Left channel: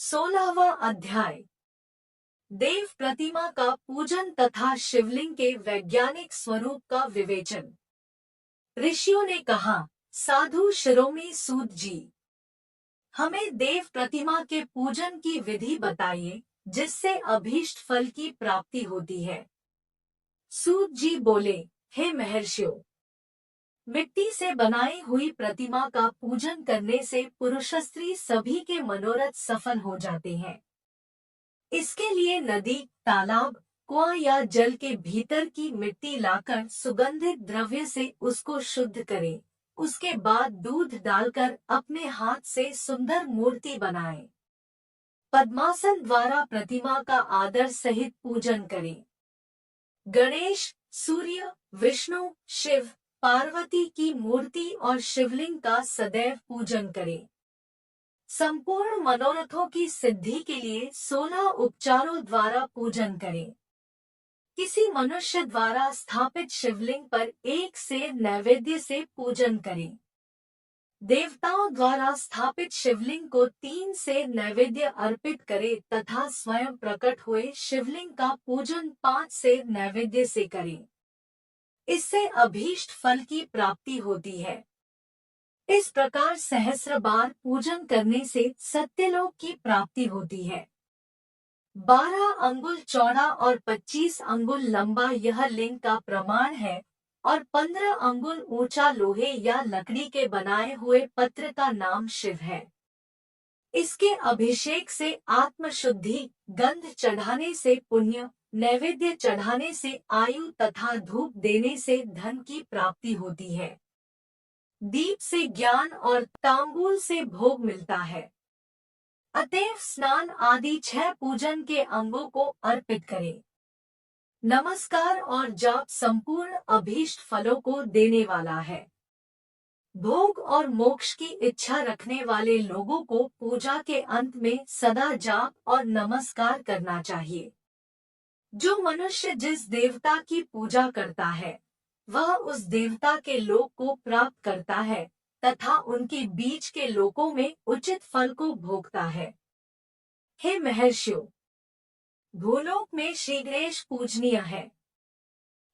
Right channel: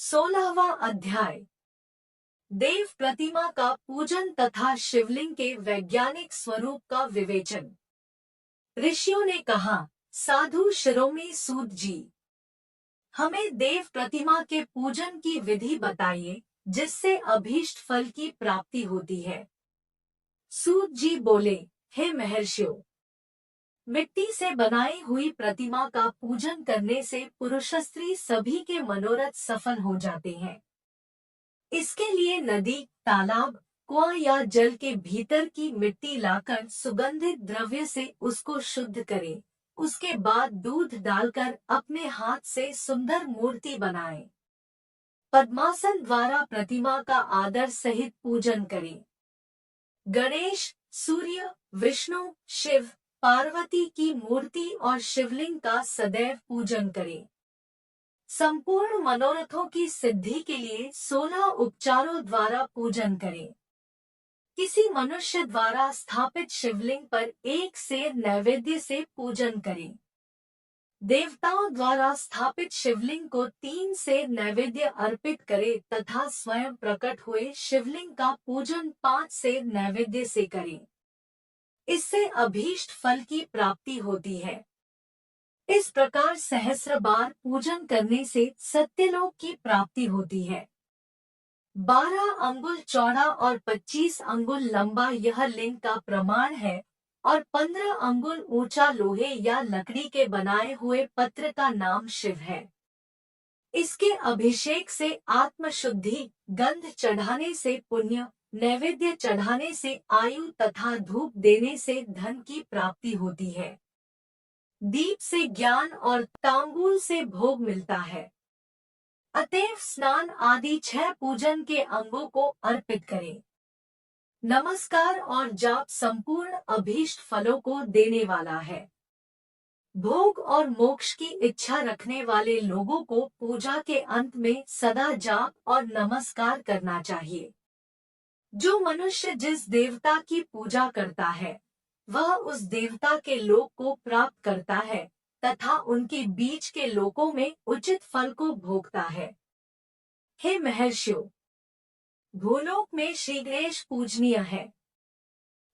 16वां अध्याय। देव प्रतिमा का पूजन तथा शिवलिंग के वैज्ञानिक स्वरूप का विवेचन। ऋषियों ने कहा, साधु शिरोमणि सूत जी, हमें देव प्रतिमा के पूजन की विधि बताइए जिससे अभीष्ट फल की प्राप्ति होती है। सूत जी बोले, हे महर्षियों, मिट्टी से बनाई हुई प्रतिमा का पूजन करने से पुरुष स्त्री सभी के मनोरथ सफल हो जाते हैं। इसके लिए नदी, तालाब, कुआं या जल के भीतर की मिट्टी लाकर सुगंधित द्रव्य से उसको शुद्ध करें। उसके बाद दूध डालकर अपने हाथ से सुंदर मूर्ति बनाएं। पद्मासन द्वारा प्रतिमा का आदर सहित पूजन करें। गणेश, सूर्य, विष्णु, शिव, पार्वती की मूर्ति और शिवलिंग का सदैव पूजन करें। संपूर्ण मनोरथों की सिद्धि के लिए 16 उपचारों द्वारा पूजन करें। किसी मनुष्य द्वारा स्थापित शिवलिंग पर एक सेर नैवेद्य से पूजन करें। देवताओं द्वारा स्थापित शिवलिंग को 3 सेर नैवेद्य अर्पित करें तथा स्वयं प्रकट हुए शिवलिंग का पूजन 5 सेर नैवेद्य से करें। इससे अभीष्ट फल की प्राप्ति होती है। इस प्रकार सहस्र बार पूजन करने से सत्यलोक की प्राप्ति होती है। 12 अंगुल चौड़ा और 25 अंगुल लंबा यह लिंग का प्रमाण है और 15 अंगुल ऊंचा लोहे या लकड़ी के बनाए हुए पत्र का नाम शिव है। इसके अभिषेक से आत्मशुद्धि, गंध चढ़ाने से पुण्य, नैवेद्य चढ़ाने से आयु तथा धूप देने से धन की प्राप्ति होती है। दीप से ज्ञान और तांबूल से भोग मिलता है। अतएव स्नान आदि 6 पूजन के अंगों को अर्पित करें। नमस्कार और जाप संपूर्ण अभीष्ट फलों को देने वाला है। भोग और मोक्ष की इच्छा रखने वाले लोगों को पूजा के अंत में सदा जाप और नमस्कार करना चाहिए। जो मनुष्य जिस देवता की पूजा करता है वह उस देवता के लोक को प्राप्त करता है तथा उनके बीच के लोकों में उचित फल को भोगता है। हे महर्षियों, भूलोक में श्री गणेश पूजनीय है।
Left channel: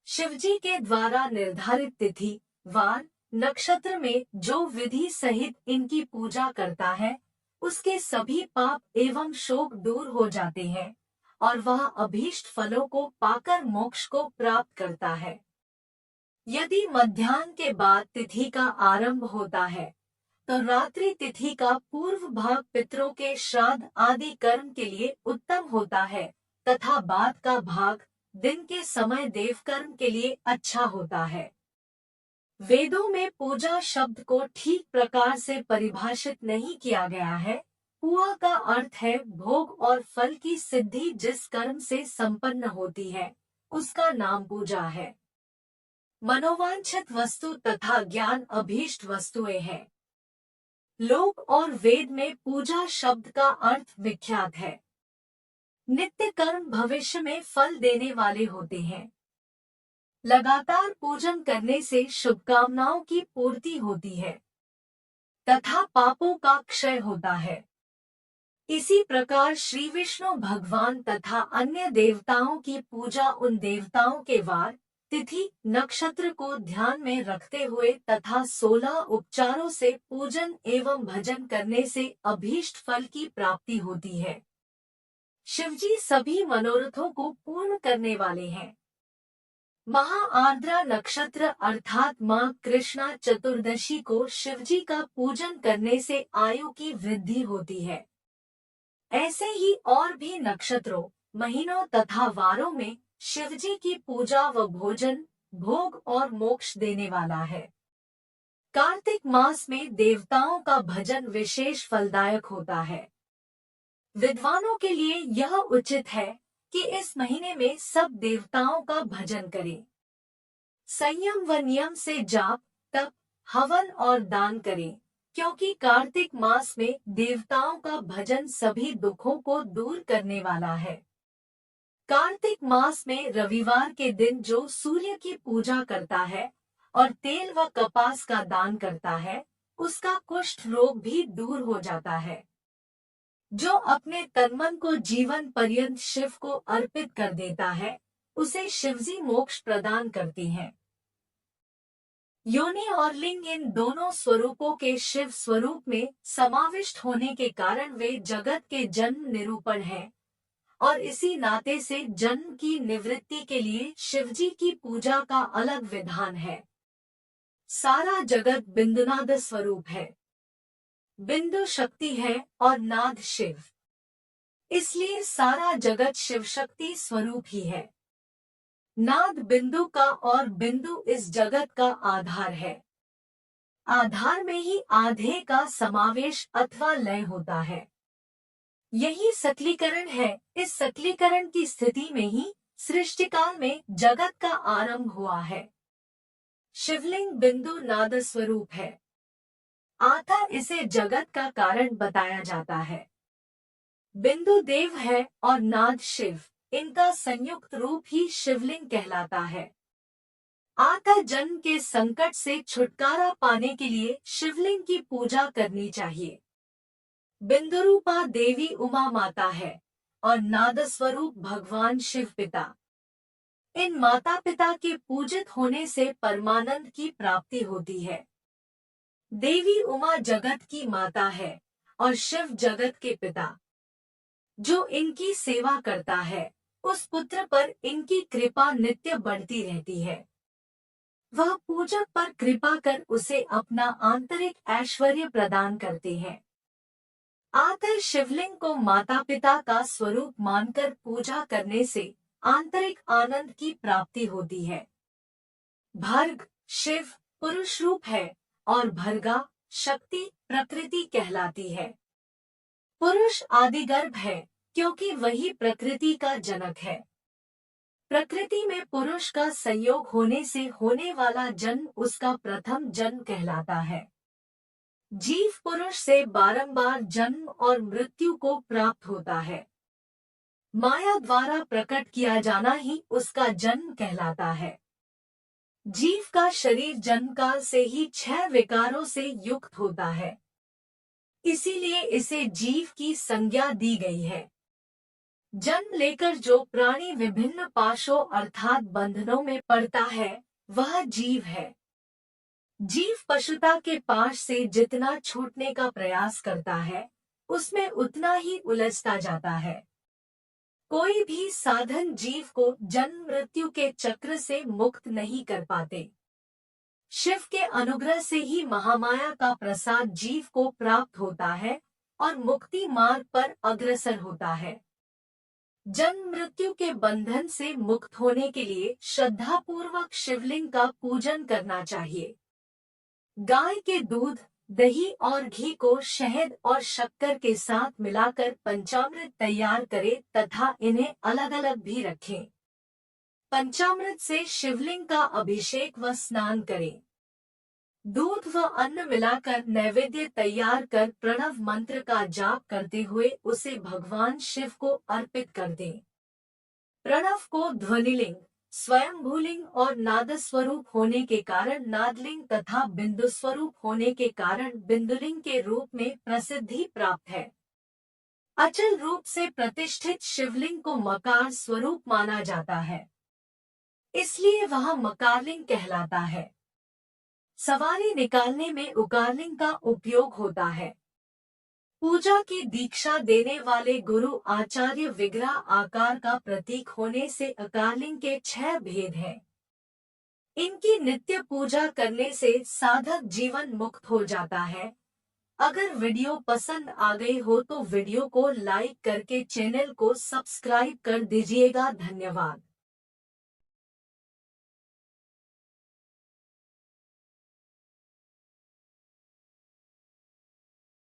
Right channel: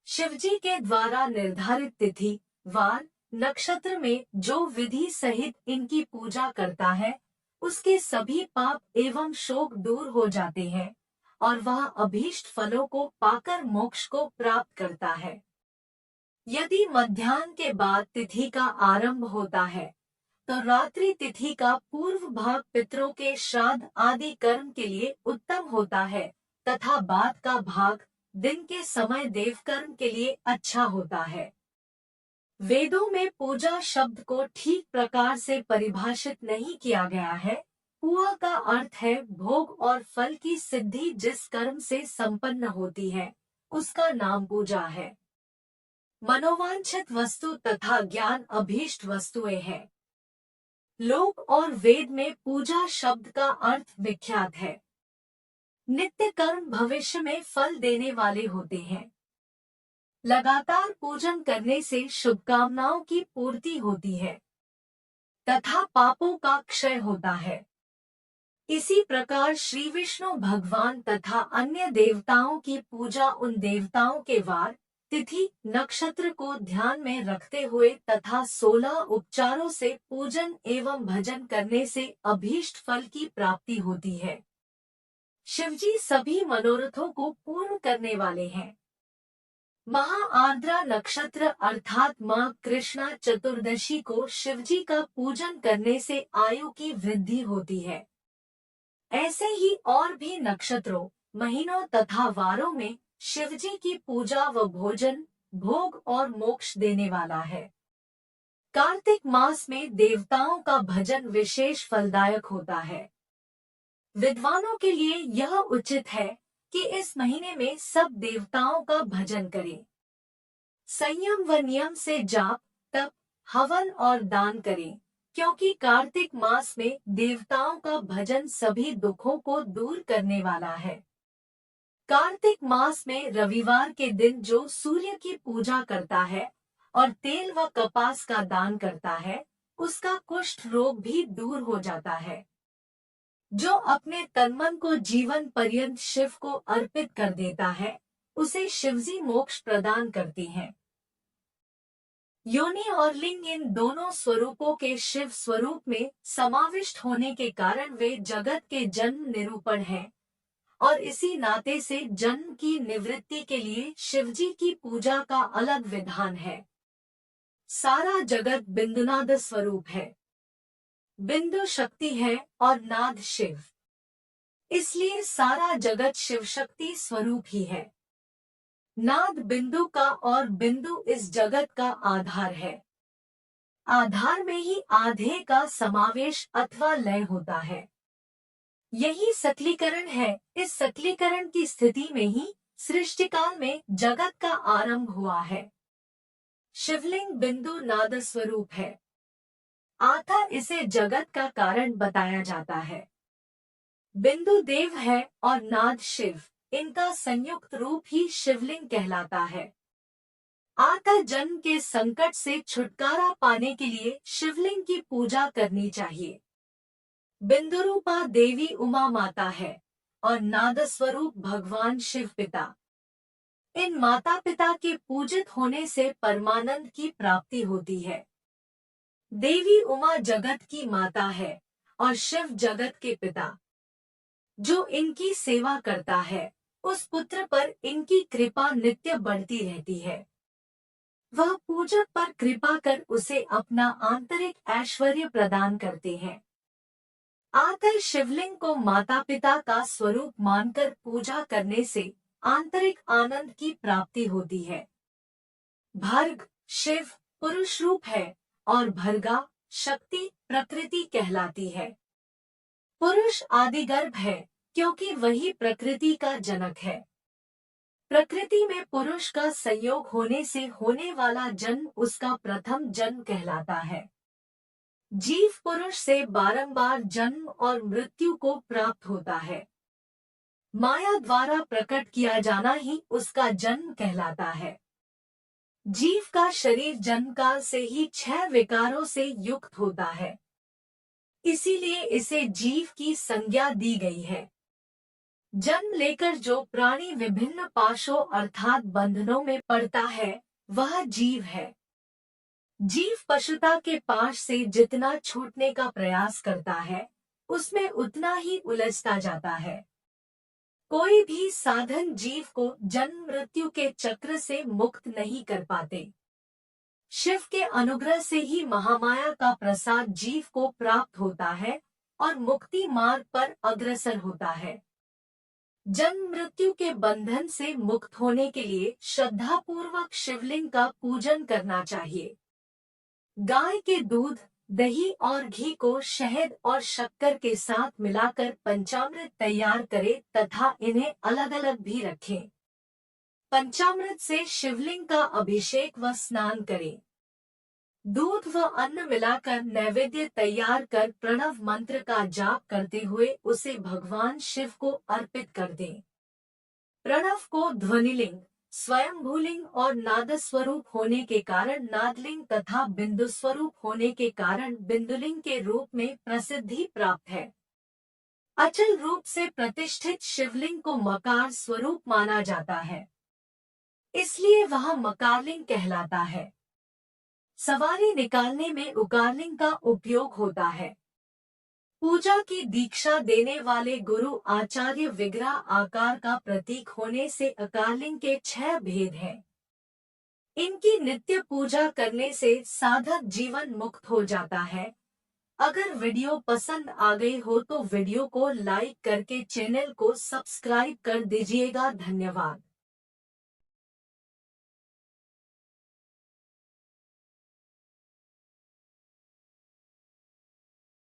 शिवजी के द्वारा निर्धारित तिथि, वार, नक्षत्र में जो विधि सहित इनकी पूजा करता है उसके सभी पाप एवं शोक दूर हो जाते हैं और वह अभीष्ट फलों को पाकर मोक्ष को प्राप्त करता है। यदि मध्याह्न के बाद तिथि का आरंभ होता है तो रात्रि तिथि का पूर्व भाग पितरों के श्राद्ध आदि कर्म के लिए उत्तम होता है तथा बाद का भाग दिन के समय देव कर्म के लिए अच्छा होता है। वेदों में पूजा शब्द को ठीक प्रकार से परिभाषित नहीं किया गया है। पूआ का अर्थ है भोग और फल की सिद्धि। जिस कर्म से संपन्न होती है उसका नाम पूजा है। मनोवांछित वस्तु तथा ज्ञान अभीष्ट वस्तुएं हैं। लोक और वेद में पूजा शब्द का अर्थ विख्यात है। नित्य कर्म भविष्य में फल देने वाले होते हैं। लगातार पूजन करने से शुभकामनाओं की पूर्ति होती है तथा पापों का क्षय होता है। इसी प्रकार श्री विष्णु भगवान तथा अन्य देवताओं की पूजा उन देवताओं के वार, तिथि, नक्षत्र को ध्यान में रखते हुए तथा 16 उपचारों से पूजन एवं भजन करने से अभीष्ट फल की प्राप्ति होती है। शिवजी सभी मनोरथों को पूर्ण करने वाले हैं। महा आर्द्रा नक्षत्र अर्थात माँ कृष्णा चतुर्दशी को शिवजी का पूजन करने से आयु की वृद्धि होती है। ऐसे ही और भी नक्षत्रों, महीनों तथा वारों में शिवजी की पूजा व भोजन, भोग और मोक्ष देने वाला है। कार्तिक मास में देवताओं का भजन विशेष फलदायक होता है। विद्वानों के लिए यह उचित है कि इस महीने में सब देवताओं का भजन करें। संयम व नियम से जाप, तप, हवन और दान करें, क्योंकि कार्तिक मास में देवताओं का भजन सभी दुखों को दूर करने वाला है। कार्तिक मास में रविवार के दिन जो सूर्य की पूजा करता है और तेल व कपास का दान करता है उसका कुष्ठ रोग भी दूर हो जाता है। जो अपने तनमन को जीवन पर्यंत शिव को अर्पित कर देता है, उसे शिवजी मोक्ष प्रदान करती हैं। योनि और लिंग इन दोनों स्वरूपों के शिव स्वरूप में समाविष्ट होने के कारण वे जगत के जन्म निरूपण हैं और इसी नाते से जन्म की निवृत्ति के लिए शिवजी की पूजा का अलग विधान है। सारा जगत बिंदुनाद स्वरूप है। बिंदु शक्ति है और नाद शिव, इसलिए सारा जगत शिव शक्ति स्वरूप ही है। नाद बिंदु का और बिंदु इस जगत का आधार है। आधार में ही आधे का समावेश अथवा लय होता है। यही सकलीकरण है। इस सकलीकरण की स्थिति में ही सृष्टिकाल में जगत का आरंभ हुआ है। शिवलिंग बिंदु नाद स्वरूप है, अतः इसे जगत का कारण बताया जाता है। बिंदु देव है और नाद शिव, इनका संयुक्त रूप ही शिवलिंग कहलाता है। अतः जन्म के संकट से छुटकारा पाने के लिए शिवलिंग की पूजा करनी चाहिए। बिंदु रूपा देवी उमा माता है और नाद स्वरूप भगवान शिव पिता। इन माता पिता के पूजित होने से परमानंद की प्राप्ति होती है। देवी उमा जगत की माता है और शिव जगत के पिता। जो इनकी सेवा करता है, उस पुत्र पर इनकी कृपा नित्य बढ़ती रहती है। वह पूजक पर कृपा कर उसे अपना आंतरिक ऐश्वर्य प्रदान करते हैं। अतः शिवलिंग को माता पिता का स्वरूप मानकर पूजा करने से आंतरिक आनंद की प्राप्ति होती है। भर्ग शिव पुरुष रूप है और भर्गा शक्ति प्रकृति कहलाती है। पुरुष आदिगर्भ है क्योंकि वही प्रकृति का जनक है। प्रकृति में पुरुष का संयोग होने से होने वाला जन्म उसका प्रथम जन्म कहलाता है। जीव पुरुष से बारंबार जन्म और मृत्यु को प्राप्त होता है। माया द्वारा प्रकट किया जाना ही उसका जन्म कहलाता है। जीव का शरीर जन्मकाल से ही 6 विकारों से युक्त होता है, इसीलिए इसे जीव की संज्ञा दी गई है। जन्म लेकर जो प्राणी विभिन्न पाशों अर्थात बंधनों में पड़ता है, वह जीव है। जीव पशुता के पाश से जितना छूटने का प्रयास करता है, उसमें उतना ही उलझता जाता है। कोई भी साधन जीव को जन्म मृत्यु के चक्र से मुक्त नहीं कर पाते। शिव के अनुग्रह से ही महामाया का प्रसाद जीव को प्राप्त होता है और मुक्ति मार्ग पर अग्रसर होता है। जन्म मृत्यु के बंधन से मुक्त होने के लिए श्रद्धा पूर्वक शिवलिंग का पूजन करना चाहिए। गाय के दूध, दही और घी को शहद और शक्कर के साथ मिलाकर पंचामृत तैयार करें तथा इन्हें अलग अलग भी रखें। पंचामृत से शिवलिंग का अभिषेक व स्नान करें। दूध व अन्न मिलाकर नैवेद्य तैयार कर प्रणव मंत्र का जाप करते हुए उसे भगवान शिव को अर्पित कर दें। प्रणव को ध्वनिलिंग, स्वयंभूलिंग और नाद स्वरूप होने के कारण नादलिंग तथा बिंदु स्वरूप होने के कारण बिंदुलिंग के रूप में प्रसिद्धि प्राप्त है। अचल रूप से प्रतिष्ठित शिवलिंग को मकार स्वरूप माना जाता है, इसलिए वह मकारलिंग कहलाता है। सवारी निकालने में उकारलिंग का उपयोग होता है। पूजा की दीक्षा देने वाले गुरु आचार्य विग्रह आकार का प्रतीक होने से अकारलिंग के 6 भेद हैं। इनकी नित्य पूजा करने से साधक जीवन मुक्त हो जाता है। अगर वीडियो पसंद आ गई हो तो वीडियो को लाइक करके चैनल को सब्सक्राइब कर दीजिएगा। धन्यवाद।